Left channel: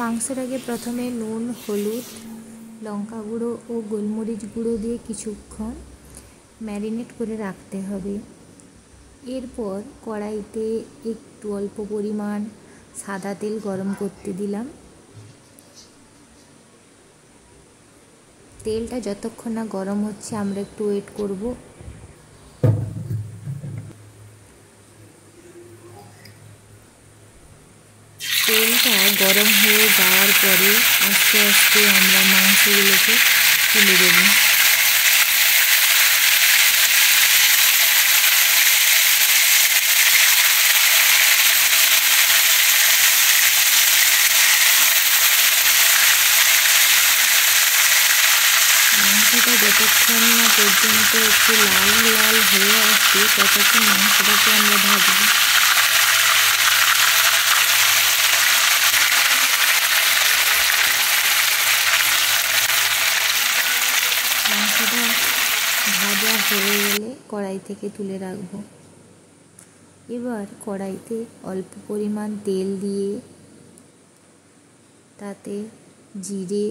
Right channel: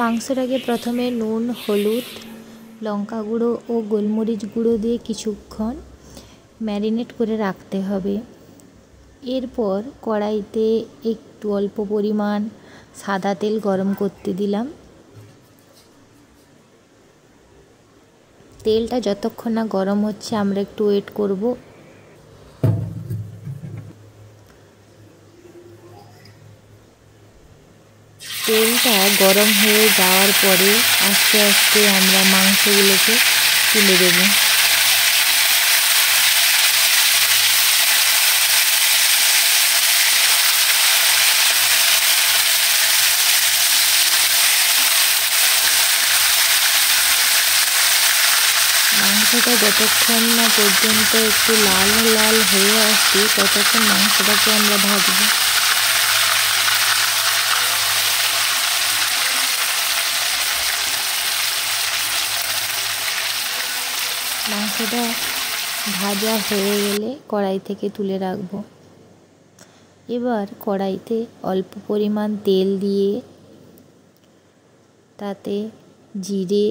মাংসটাকে প্রথমে নুন, হলুদ, লঙ্কা গুঁড়ো ও গোলমরিচ গুঁড়ো দিয়ে কিছুক্ষণ ম্যারিনেট করে রাখতে হবে। এরপর কড়াইতে একটু অল্প পরিমাণ সাদা তেল গরম করতে দিলাম। তেলটা যতক্ষণ না গরম হচ্ছে আমরা একটু ওয়েট করব। তেলটা গরম হয়ে যাওয়ার পরে আস্তে আস্তে আমরা মাংসগুলোকে তুলে দেব। মাংসটা যতক্ষণ না পর্যন্ত একটু লাল লাল হয়ে আসছে ততক্ষণ মাংসটাকে আমরা ভাজব। মাংসটা ভাজা হয়ে গেলে কড়াই থেকে তুলে রাখব। এবার কড়াইতে অল্প পরিমাণ তেল দিয়ে তাতে জিরে,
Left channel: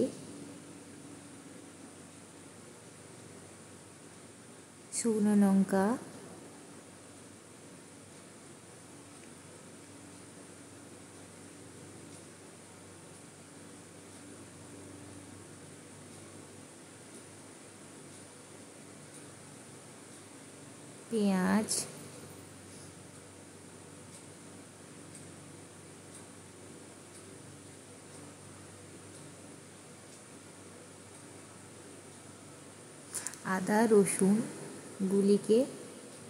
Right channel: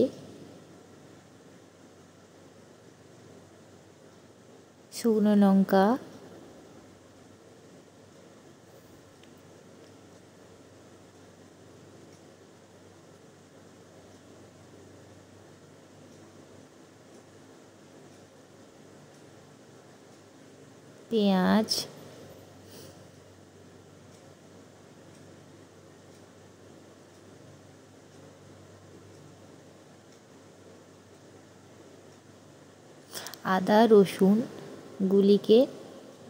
শুকনো লঙ্কা, পেঁয়াজ, আদা, রসুন গুলিকে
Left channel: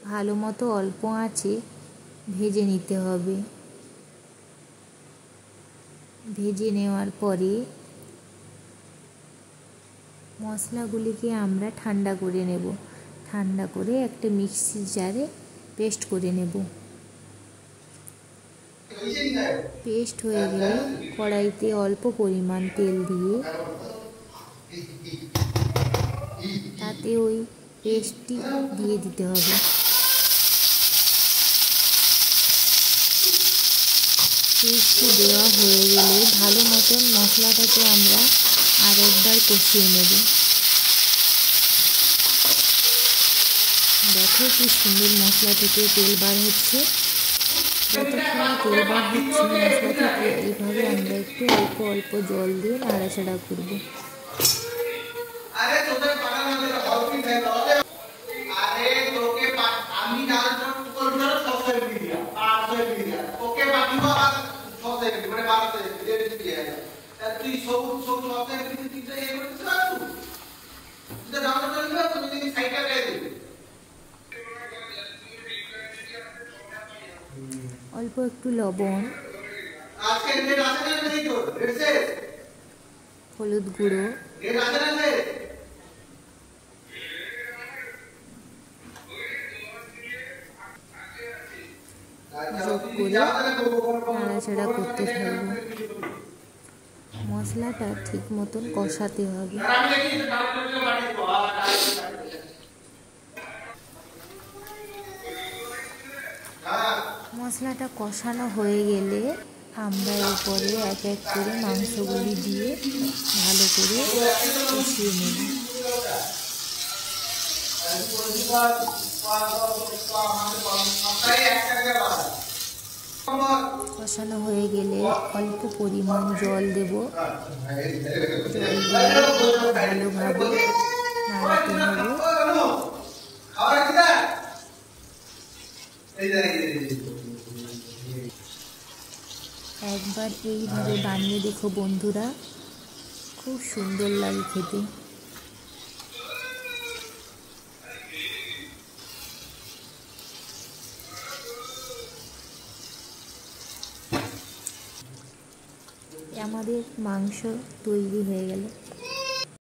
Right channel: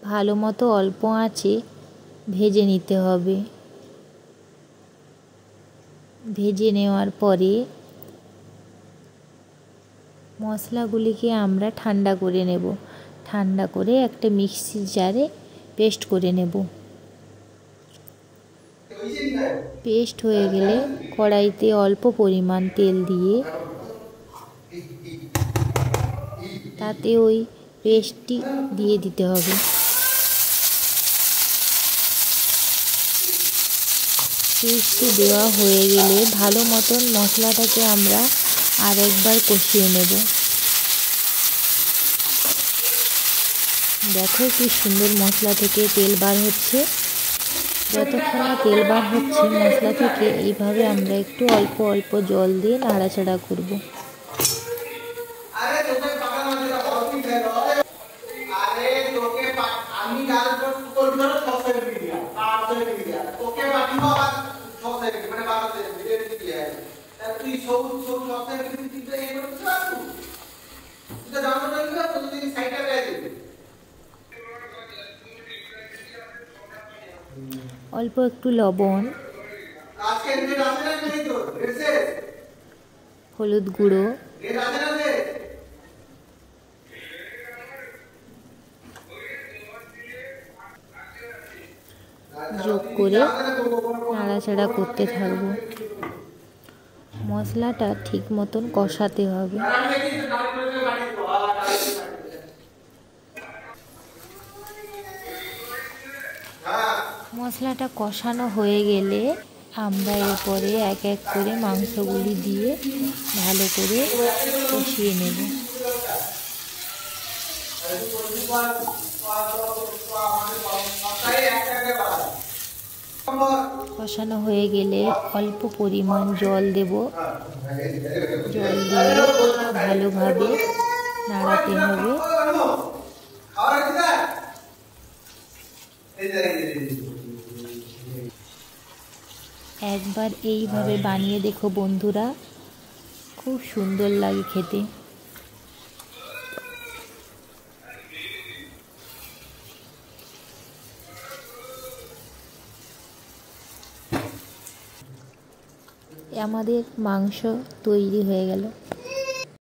ভালো মতো অল্প আঁচে ভেজে নিতে হবে। ভেজে নেওয়ার পরে মশলাগুলিকে আমরা ঠান্ডা করে নেব। ঠান্ডা করে একটা মিক্সির জারে পেস্ট করে নেব। পেস্ট হয়ে গেলে কড়াইতে অল্প পরিমাণ তেল দিয়ে তাতে ওই পেস্টটি দিয়ে দিতে হবে। পেস্টটি দেওয়া হয়ে গেলে ভালো মতন মশলাটাকে আমরা আরেকবার কষিয়ে নেব। দেখো কি সুন্দর মশলা থেকে তেল বার হচ্ছে। যতক্ষণ না তেল বার হচ্ছে মশলা থেকে এইভাবে আমরা একটু অল্প অল্প জল দিয়ে নাড়াচাড়া করব। অল্প একটু লবণ, হলুদ গুঁড়ো, যোগ করে নাড়াচাড়া করতে থাকবো। মশলাটা ঠিক মতন কষাতে হবে। মশলাটা কষানো হয়ে গেলে আমরা এরপরে এক এক করে মাংসগুলি দিয়ে ভালো করে কষিয়ে নেব। কষানো হয়ে গেলে অল্প পরিমাণ জল দেব। জল দিয়ে ভালোভাবে নাড়াতে হবে। একবার এইভাবে বানিয়ে দেখো বন্ধুরা, খুব সুন্দর লাগে খেতে। আমাদের মাংস তৈরি হয়ে গেল।